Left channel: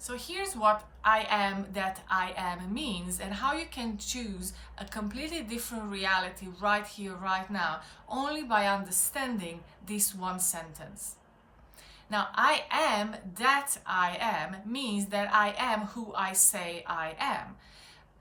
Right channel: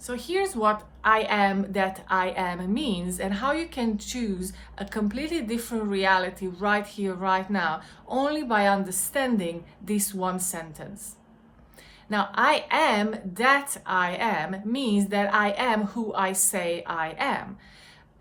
So here's what I am that I am means, and how you can choose a completely different reality right here, right now, only by understanding this one sentence. Now, I am that I am means that I am who I say I am.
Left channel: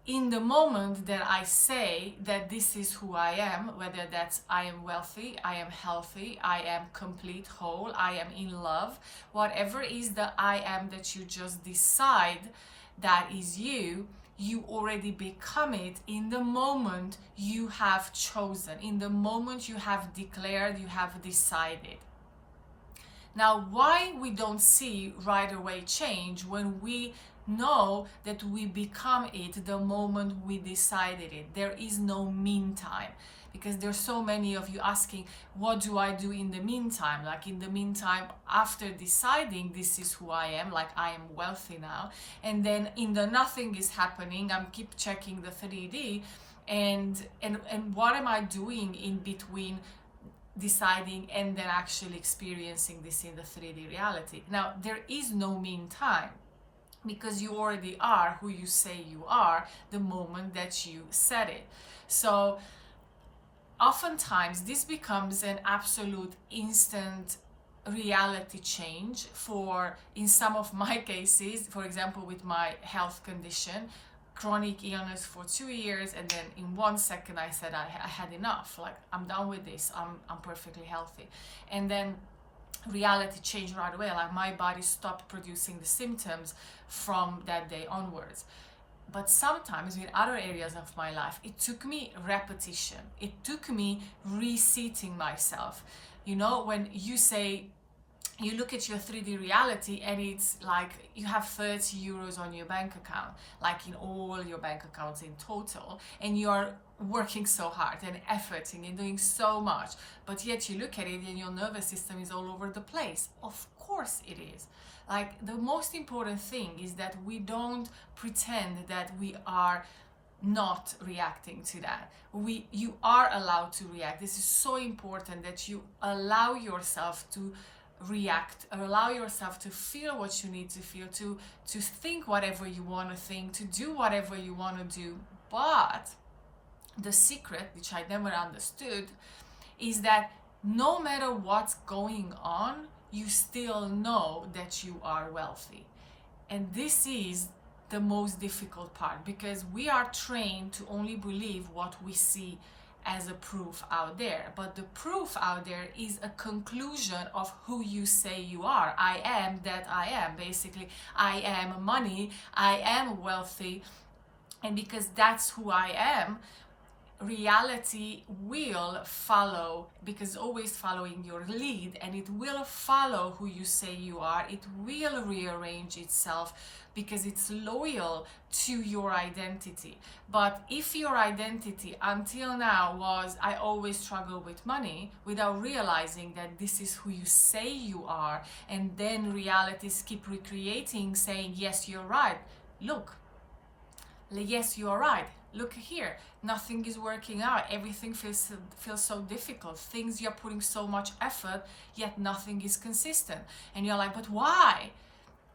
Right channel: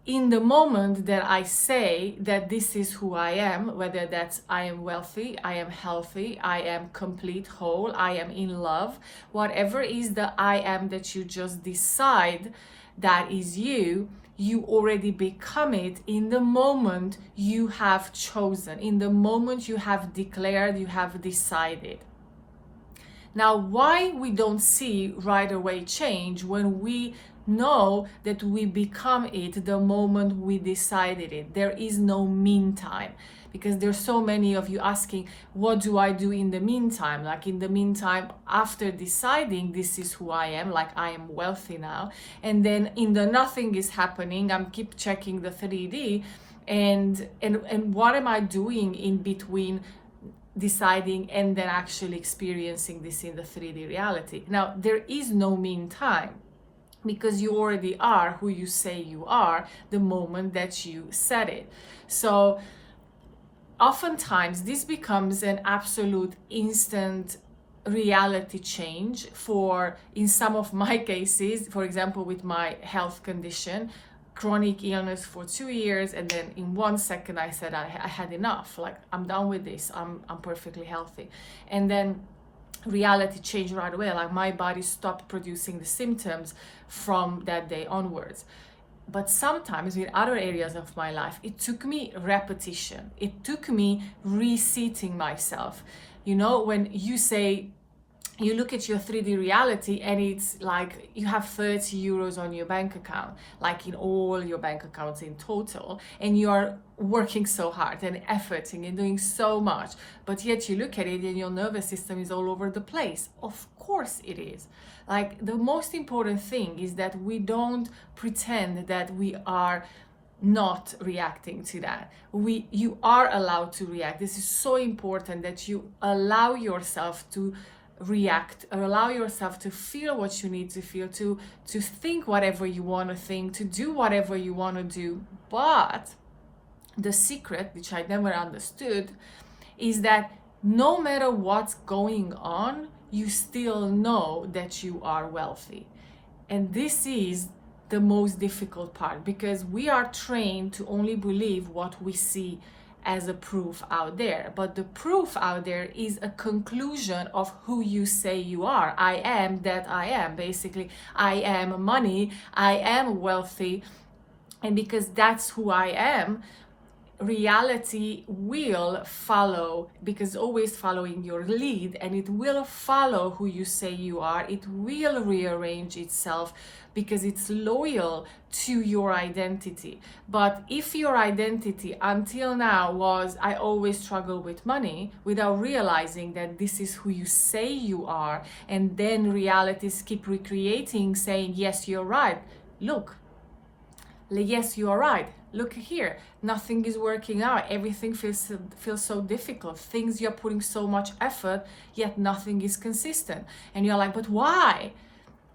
In the moment that I say that this is who I am, whether that's I am wealthy, I am healthy, I am complete, whole, I am in love, whatever is the I am that you just decide that is you, you already become it in the moment you have chosen, in the moment you have declared, you have decided. Now, why we don't see right away change when we know that we become it the moment we decided it? There is no meantime, because there's so many of you asking, what do I do in the meantime? Like in the meantime, after deciding this is who I am, like I am wealthy now, and then in the nothing is happening, I'm keep checking the 3D, and what am I doing in between deciding and then actually experiencing this in the 3D reality? Now, there is no meantime, because you already are who you say you are the moment that you said it. So oftentimes this becomes an absolute instant reality change. For in some of my cases, for example, with my health condition, chronic illness for 2 years, and then in 1 second I said I had enough, like I'm done with this, I'm perfectly healthy. And then reality changed right away, like my body stopped producing the symptoms from that day onwards. But sometimes with other areas of my life, it took me repetition, it took me reseating myself. You know, when you say, you look at your 3D reality and it's like you have 30 euros on your bank account, like in all your bank accounts in total, and you are working so hard and efforting and doing so much, but yet you look at it and your nervous system is all over the place. Of course it is. Like, the most important thing is that we don't pretend that we are not reacting to that. You are allowed to react. This is so important, that you allow yourself to react, allow yourself to feel what you need to feel, to think whatever you want to think, to do whatever you want to do. But the secret, which I never understood, is that no matter what's going on, you still know that you are wealthy. And this is the most difficult part, because we are trained to only believe what we see as a proof out there. But the proof out there is a conclusion of who you say you are. I am that I am. Basically, I am money, I am wealthy. And because that's who I am, reality will follow, because always following your lead, and it will follow who you say you are. It will rearrange itself because it's loyal to your identity. But if your identity until now was, I always struggle with money, without realizing that this is who you say you are, and then realities keep recreating, saying, yes, you're right, look, yes, you are right, look here, nothing is working out, everything feels so difficult, things, you're putting so much effort, yet nothing is consistent. And you're like, but why?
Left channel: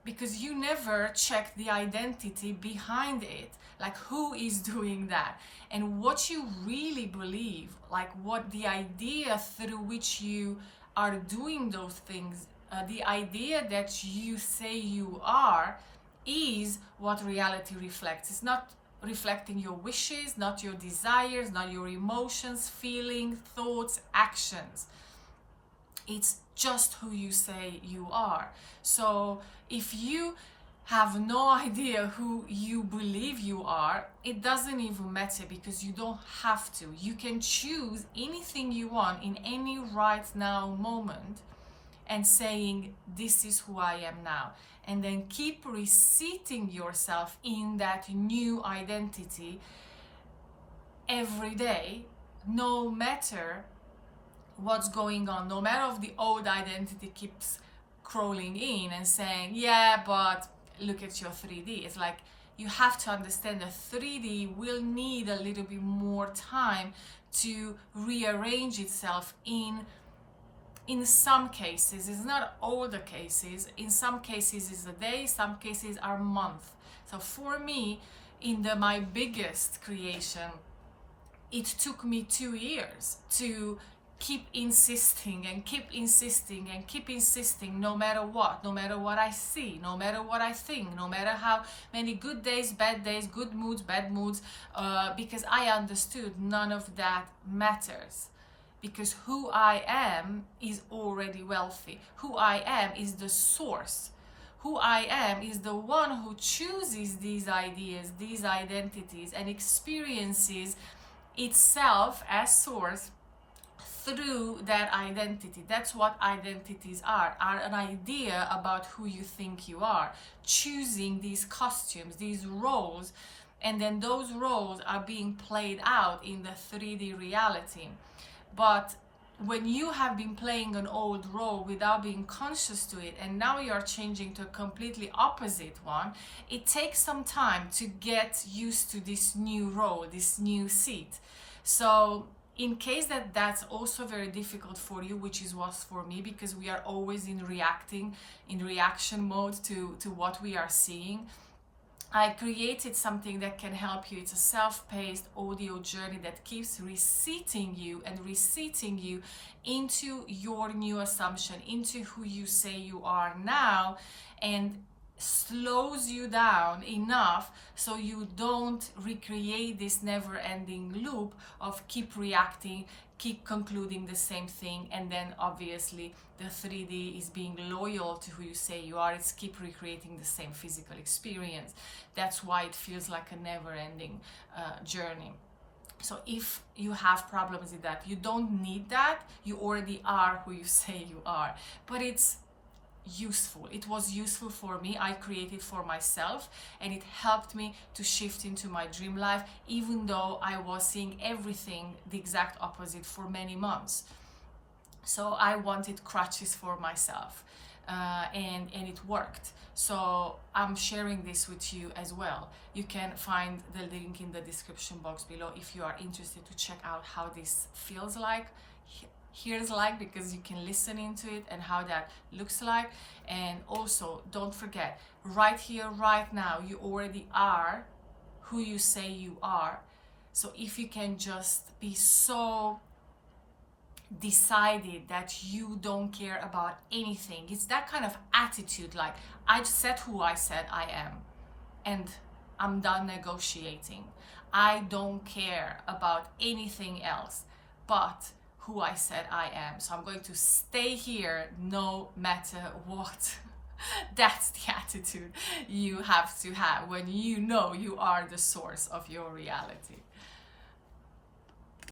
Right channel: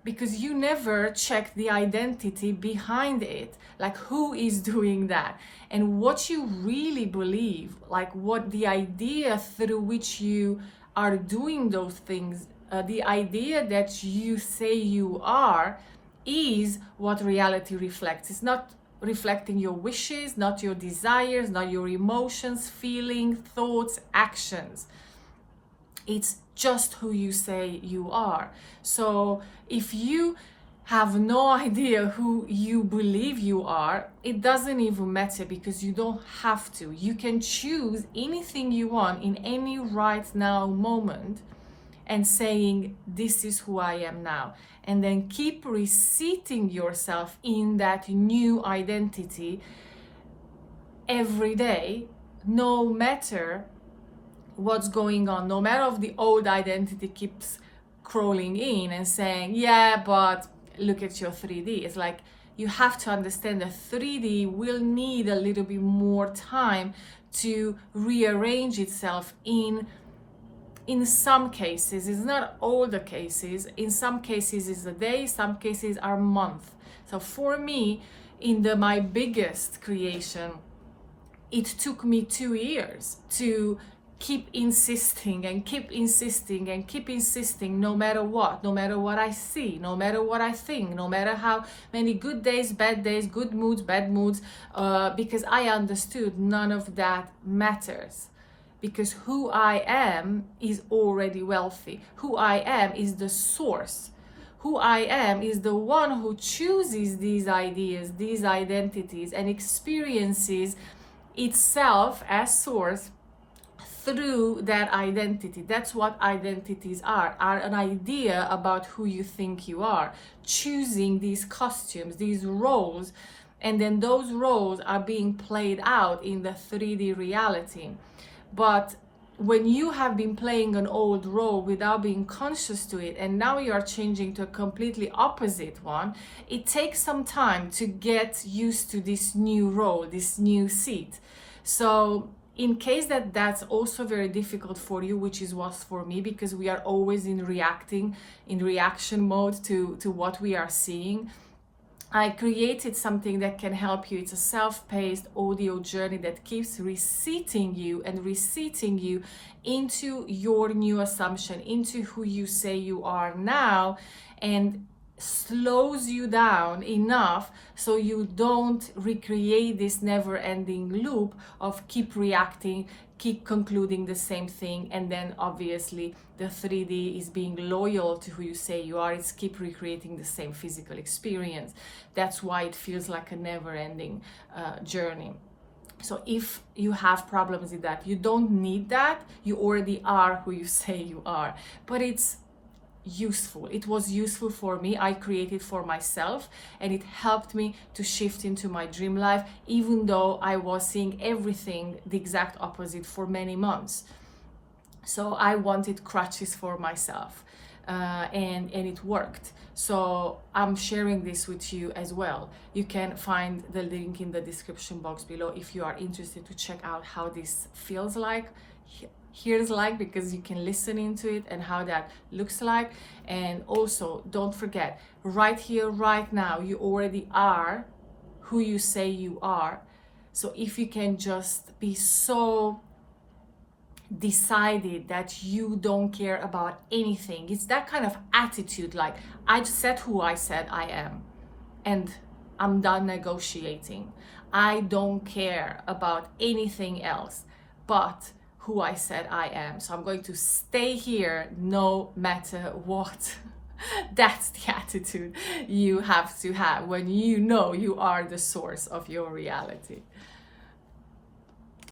Because you never check the identity behind it, like who is doing that, and what you really believe, like what the idea through which you are doing those things, the idea that you say you are, is what reality reflects. It's not reflecting your wishes, not your desires, not your emotions, feelings, thoughts, actions. It's just who you say you are. So if you have no idea who you believe you are, it doesn't even matter, because you don't have to. You can choose anything you want in any right now moment and saying, this is who I am now. And then keep reseating yourself in that new identity every day, no matter what's going on, no matter if the old identity keeps crawling in and saying, yeah, but look at your 3D. It's like, you have to understand that 3D will need a little bit more time to rearrange itself in in some cases, it's not all the cases, in some cases it's a day, some cases are month. So for me, in my biggest creation, it took me 2 years to keep insisting and keep insisting and keep insisting, no matter what I see, no matter what I think, no matter how many good days, bad days, good moods, bad moods, because I understood none of that matters. Because who I am is already wealthy. Who I am is the source. Who I am is the one who chooses these ideas, these identities, and experiences itself as source through that identity. That's what identities are an idea about who you think you are, choosing these costumes, these roles, and then those roles are being played out in the 3D reality. But when you have been playing an old role without being conscious to it, and now you are changing to a completely opposite one, it takes some time to get used to this new role, this new seat. So in case that's also very difficult for you, which is was for me, because we are always in reaction mode to what we are seeing, I created something that can help you. It's a self-paced audio journey that keeps reseating you into your new assumption, into who you say you are now, and slows you down enough so you don't recreate this never-ending loop of keep reacting, keep concluding the same thing, and then obviously the 3D is being loyal to who you say you are. It's keep recreating the same physical experience. That's why it feels like a never-ending journey. So if you have problems with that, you don't need that. You already are who you say you are. But it's useful. It was useful for me. I created for myself, and it helped me to shift into my dream life, even though I was seeing everything the exact opposite for many months. So I wanted crutches for myself, and it worked. So I'm sharing this with you as well. You can find the link in the description box below if you are interested to check out how this feels like, hears like, because you can listen into it, and how that looks like. And also don't forget, right here, right now, you already are who you say you are. So if you can just be so decided that you don't care about anything, it's that kind of attitude, like I said who I said I am, and I'm done negotiating. I don't care about anything else but who I said I am. So I'm going to stay here no matter what. That's the attitude you have to have when you know you are the source of your reality.